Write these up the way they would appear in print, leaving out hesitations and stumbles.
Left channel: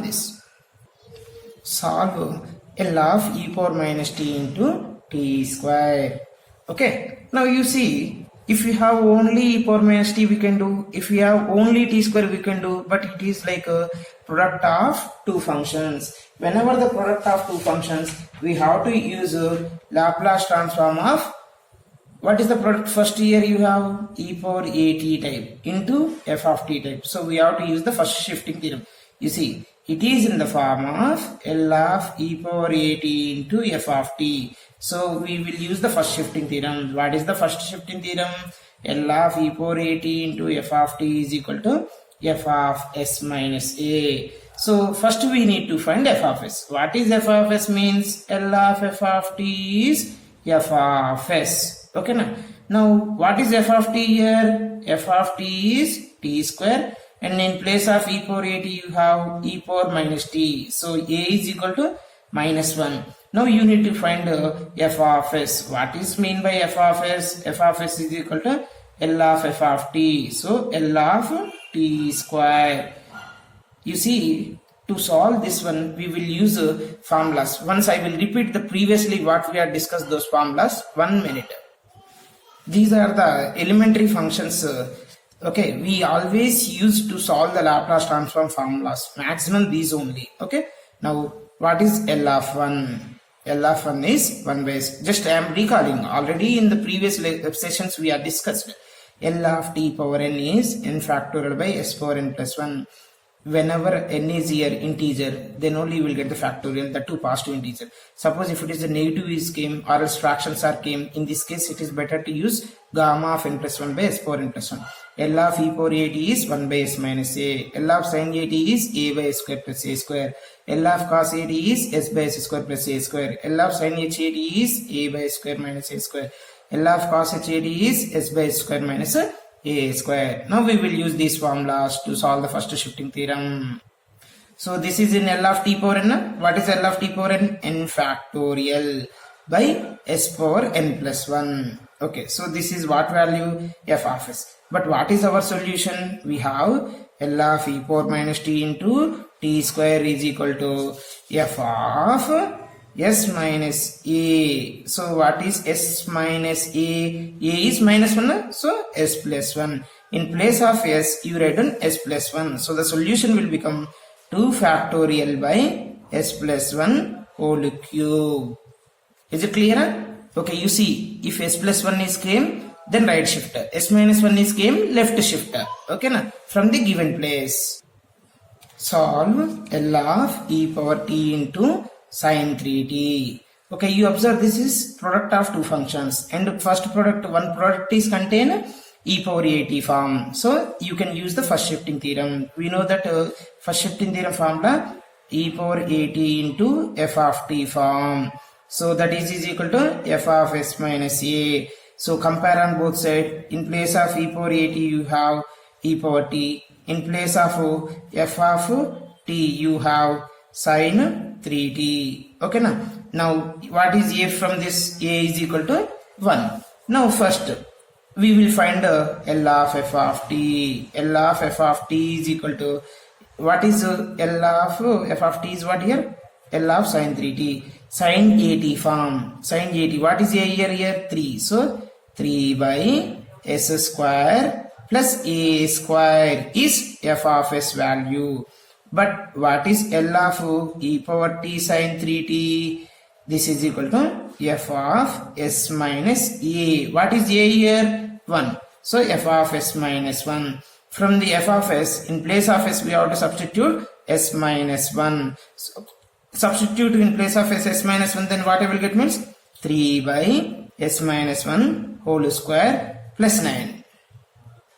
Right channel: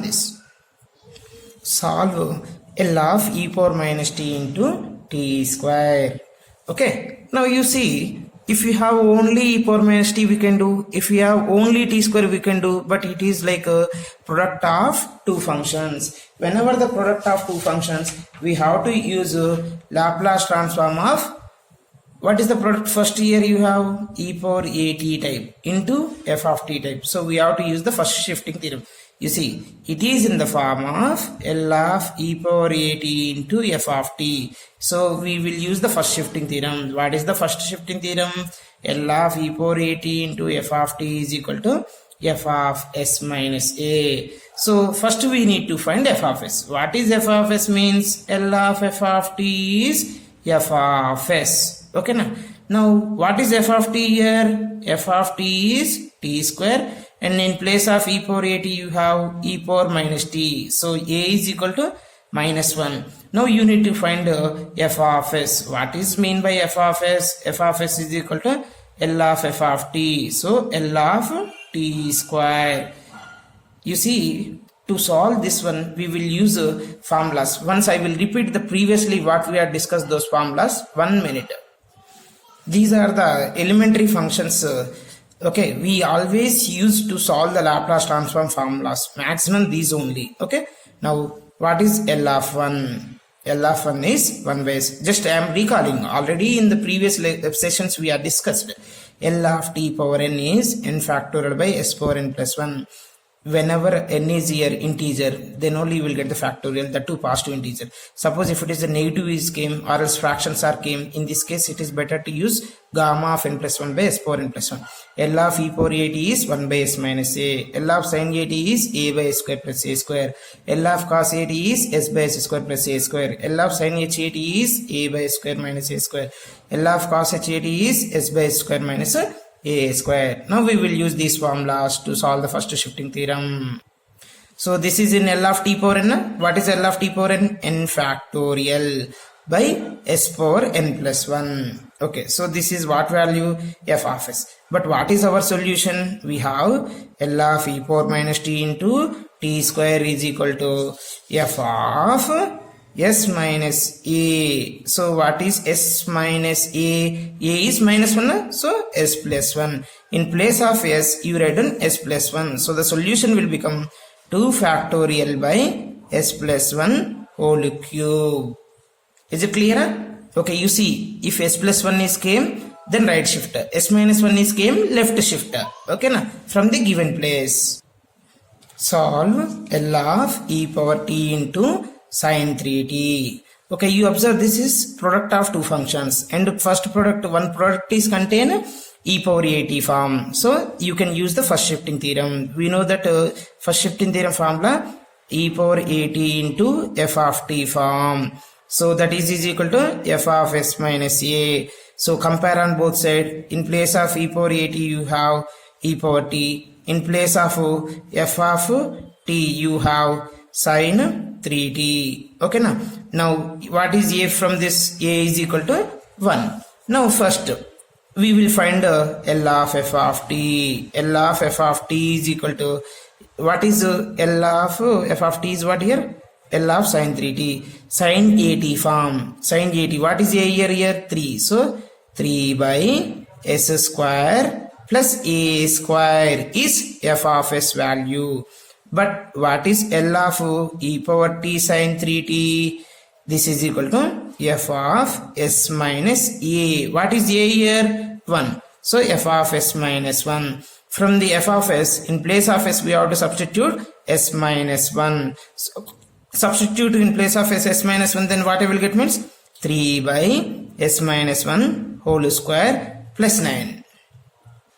this. Solve L of e power minus t into t square. Okay, now you see, if we have only e power minus t we can do, if we have only t square we can do, but it is like a product of two functions. Whenever the product of two functions, we have to use Laplace transform of, what is the product? First here you have e power a t type into f of t type. So we have to use the first shifting theorem. You see, it is in the form of L of e power a t into f of t. So we will use the first shifting theorem. What is the first shifting theorem? L of e power a t into f of t is equal to f of s minus a. So first we need to find f of s. What is f of s means? L of f of t is f of s. Okay now what is f of t here? F of t is t square, and in place of e power a t you have e power minus t. So a is equal to minus 1. Now you need to find f of s. What is mean by f of s? F of s is equal to L of f of t. So L of t square. You see, to solve this one we will use formulas. Once I will repeat the previously what we have discussed those formulas. 1 minute. These are the elementary functions. Okay, we always use to solve the Laplace transform formulas. Maximum these only. Okay, now what is L of 1? L of 1 is 1 by s. Just I am recalling, already in the previous sessions we have discussed. L of t power n is n factorial by s power n plus 1. Whenever n is here integer, then only you will get the factorial, the two positive integer. Suppose if it is a negative is came or else fractions are came, in this case it is better to use gamma of n plus 1 by s power n plus 1. L of e power a t is 1 by s minus a. L of sin a t is a by s square plus a square. L of cos a t is s by s square plus a square. L of sin h a t is a by s square minus a square. L of cos h a t is s by s square minus a square. Now we will use these formulas to solve the first shifting theorem. So this is in L of t power n. What is L of t power n? N factorial by s power n plus 1. Okay, so this is what value? F of s. But what is our solution? We have L of e power minus t into t square is equal to f of s minus a. So what is s minus a? A is minus 1, so s plus 1. In place of s you write in s plus 1. So the solution will become 2 factorial by s plus 1 whole cube. Is it clear? Okay, you see, if s plus 1 is came, then right shifter. S minus 1 is came, left shifter. Okay na? From the given place. Solve L of e power t into sin 3t. Okay, you observe this is product of two functions, and first product, one product is contain e power a t form. So you can use the first shifting theorem. We know that first shifting theorem formula e power a t into f of t form. So that is equal to f of s minus a. So compare on both sides. In place of e power a t you have e power t. In place of f of t you have sin 3t. Okay now what is a from this? A is equal to 1. Now first we will find L of f of t. L of f of t is equal to, what is L of f of t is what here? L of sin 3t. Sin a t form. Sin a t. What is a here? 3. So 3 by s square plus a square is f of s value. But what is L of e power t sin 3t? This is equal to f of s minus a. What is a here? 1. So f of s minus 1. From the f of s, in place of s we have to substitute s minus 1. So substitute in place of s minus 1, then what I will get means 3 by s minus 1 whole square plus 9.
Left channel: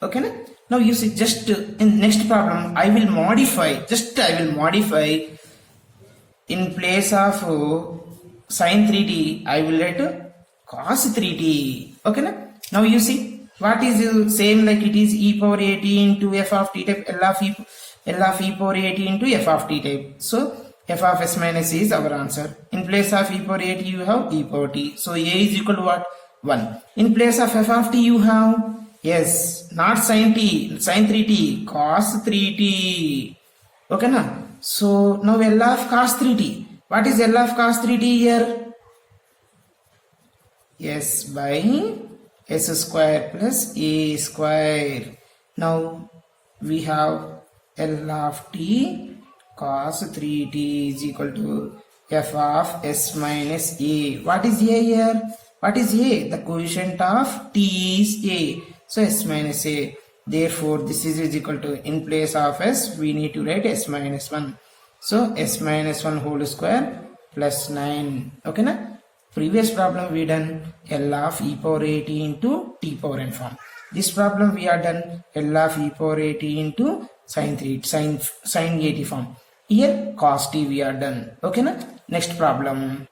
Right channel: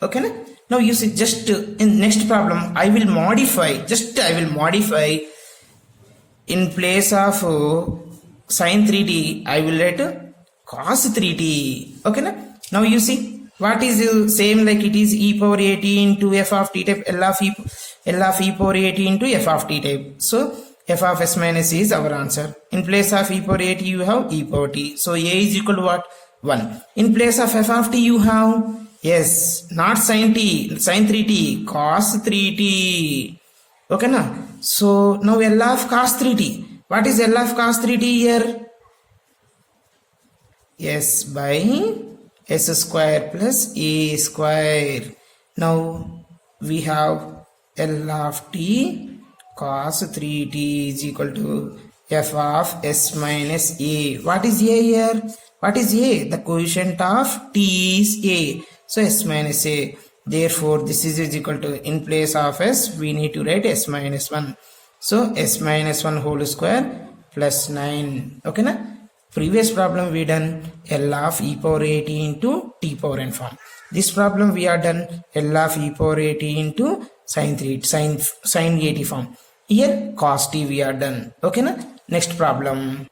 Okay. Now you see, just in next problem I will modify, in place of sin 3t I will write cos 3t. Okay now you see, what is same like it is e power a t into f of t type. L of e power a t into f of t type. So f of s minus is our answer. In place of e power a t you have e power t. So a is equal to what? 1. In place of f of t you have, yes, not sin t, sin 3t, cos 3t. Okay na? So now L of cos 3t. What is L of cos 3t here? S by s square plus a square. Now we have L of t cos 3t is equal to f of s minus a. What is a here? What is a? The coefficient of t is a. So s minus a. Therefore this is equal to, in place of s we need to write s minus 1. So s minus 1 whole square plus 9. Okay na? Previous problem we done L of e power at into t power n form. This problem we are done L of e power at into sin 80 form. Here cos t we are done. Okay na? Next problem.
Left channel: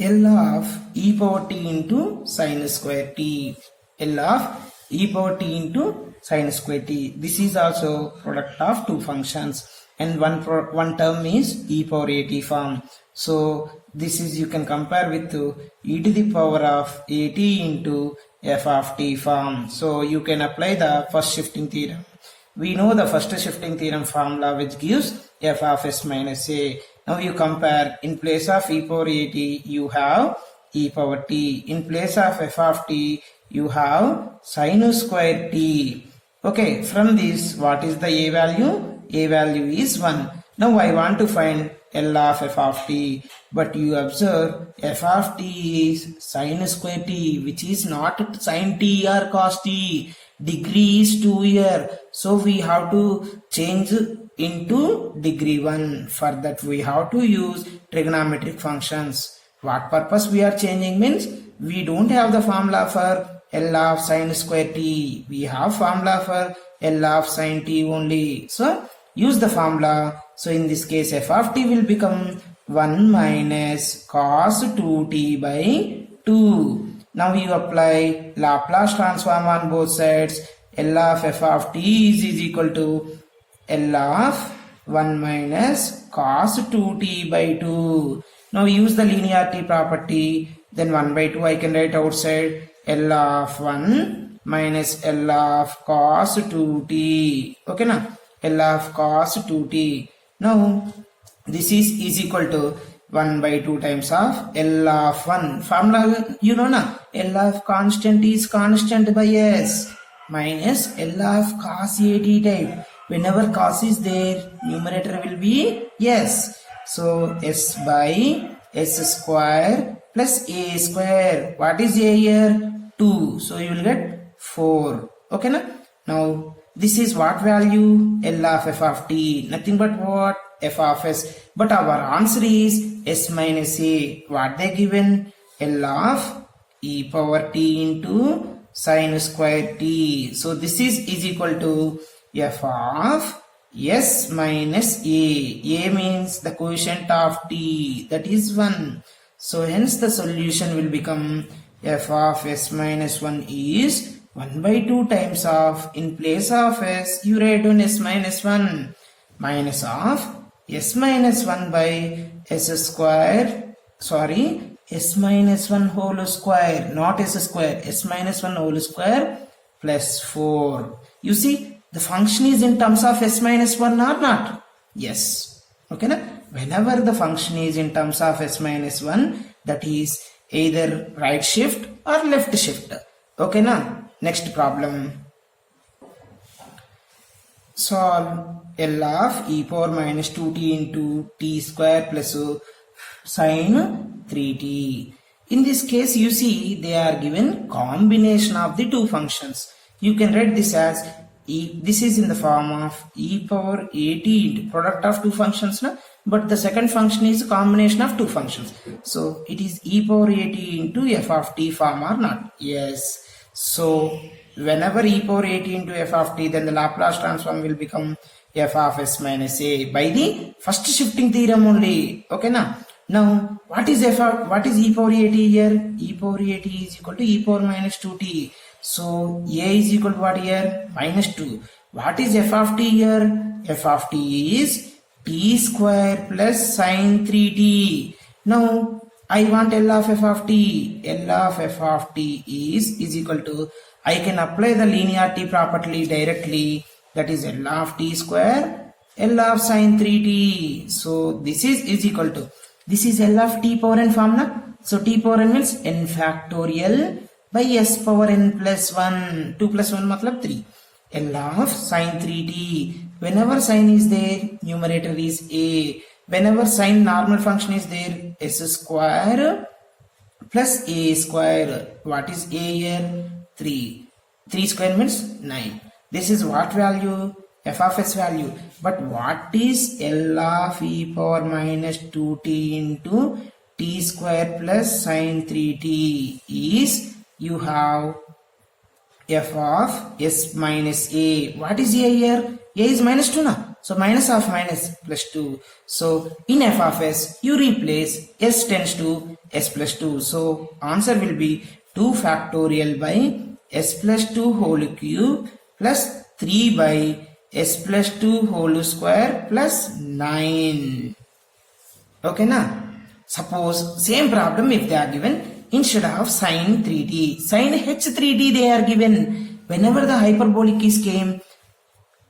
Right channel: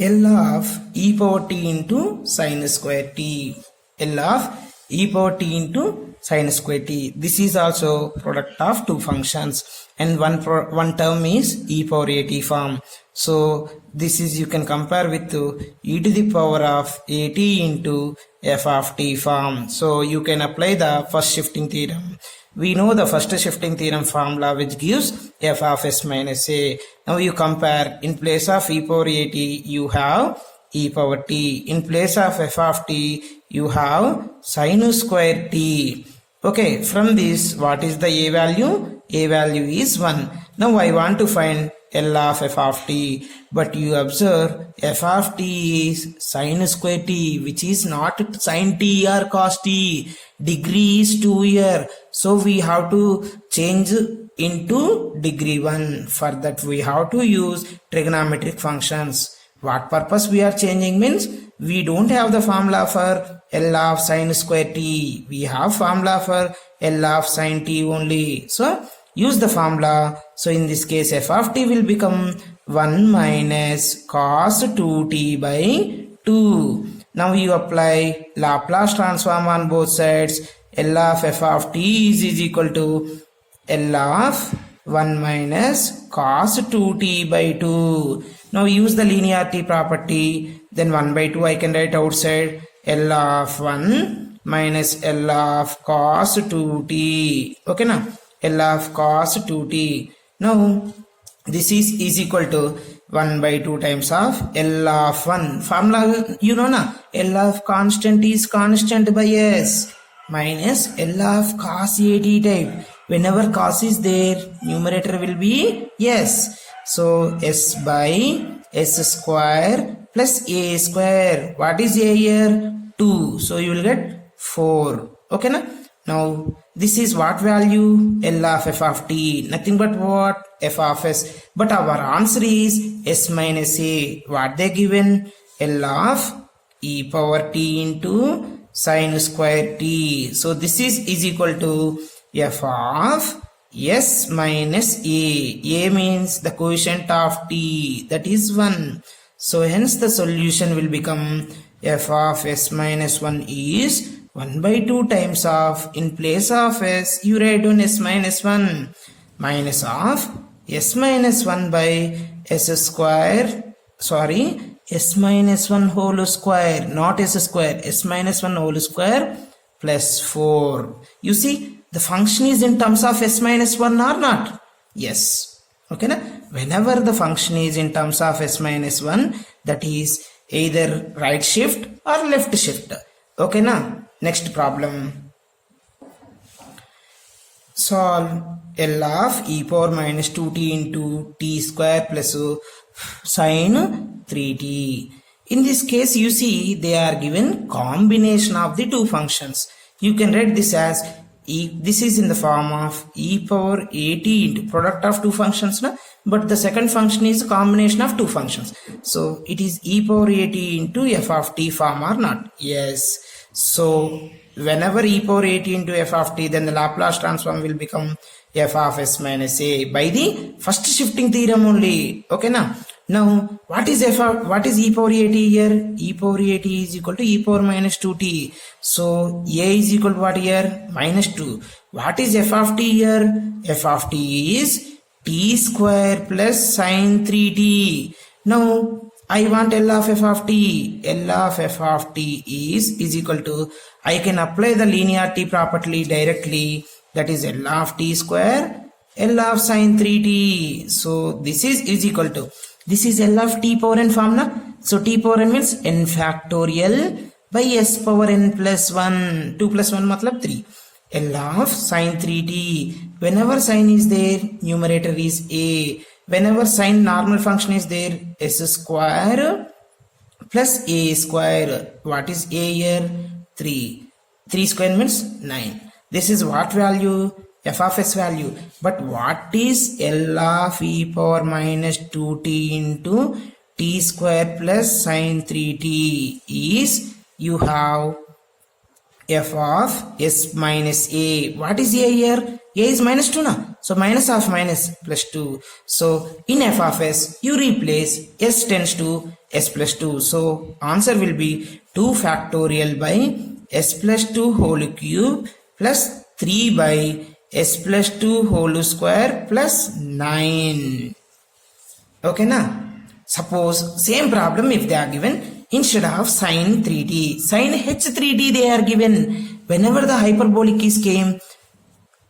L of e power t into sin square t. L of e power t into sin square t. This is also product of two functions, and one term is e power at form. So this is, you can compare with e to the power of at into f of t form. So you can apply the first shifting theorem. We know the first shifting theorem formula which gives f of s minus a. Now you compare, in place of e power at you have e power t. In place of f of t you have sin square t. Okay, from this what is the a value? A value is 1. Now I want to find L of f of t, but you observe f of t is sin square t, which is not sin t or cos t. Degree is 2 here, so we have to change into degree 1. For that we have to use trigonometric functions. What purpose we are changing means, we don't have the formula for L of sin square t. We have formula for L of sin t only. So use the formula. So in this case f of t will become 1 minus cos 2t by 2. Now you apply Laplace transform on both sides. L of f of t is equal to L of 1 minus cos 2t by 2. Now use the linearity property. Then 1 by 2 I can write outside L of 1 minus L of cos 2t. Okay na? L of cos 2t. Now this is equal to 1 by 2 times of L of 1. Formula you know na? L of constant is constant by s minus L of cos at type. Whenever cos is there, numerator will be s. So s by s square plus a square. What is a here? 2. So you will get 4. Okay na? Now this is what value? L of f of t. Nothing but what? F of s. But our answer is s minus a. What they given? L of e power t into sin square t. So this is equal to f of s minus a. A means the coefficient of t, that is 1. So hence the solution will become f of s minus 1 is 1 by 2 times of, in place of s you write on s minus 1, minus of s minus 1 by s square, s minus 1 whole square, not s square, s minus 1 whole square plus 4. You see, the function is in terms of s minus 1 or not? Yes. Okay na? Whenever the function is in terms of s minus 1, that is either right shift or left shift. Okay na? Next problem. Solve L of e power minus 2t into t square plus sin 3t. In this case you see they are given combination of the two functions. You can write this as this is in the form of e power at into product of two functions na? But the second function is a combination of two functions. So it is e power at into f of t form or not? Yes. So whenever e power at into f of t, then the Laplace transform will become f of s minus a by the first shifting theorem only. Okay na? Now what is e power at here? E power at is equal to e power minus 2t. So a is equal to what here? Minus 2. What is f of t here? F of t is t square plus sin 3t. Now I want L of f of t. L of f of t is equal to, I can apply the linearity property directly, that is L of t square L of sine 3t. So this is equal to, this is L of t power n formula. So t power n means n factorial by s power n plus 1. 2 plus 1 matlab 3. L of sine 3t. Whenever sine is there, numerator is a. Whenever sine normal function is there, s square plus a square. What is a here? 3. 3 square means 9. This is what value? F of s value. But what is L of e power minus 2t into t square plus sine 3t is, you have f of s minus a. What is a here? A is minus 2 now. So minus of minus plus 2. So in f of s, you replace s tends to s plus 2. So answer will be 2 factorial by s plus 2 whole cube plus 3 by s plus 2 whole square plus 9. Okay na? Suppose same problem if they are given, instead of sine 3t, sine h3t they are given. Whenever the hyperbolic is came,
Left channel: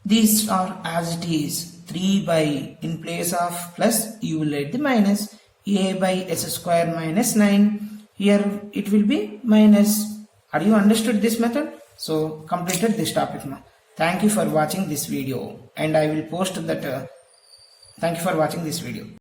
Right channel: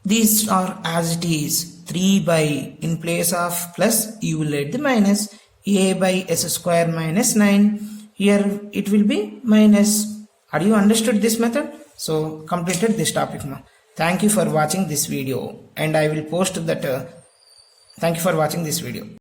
these are as it is. 3 by, in place of plus, you will add the minus. A by s square minus 9. Here it will be minus. Are you understood this method? So completed this topic now. Thank you for watching this video, and I will post that. Thank you for watching this video.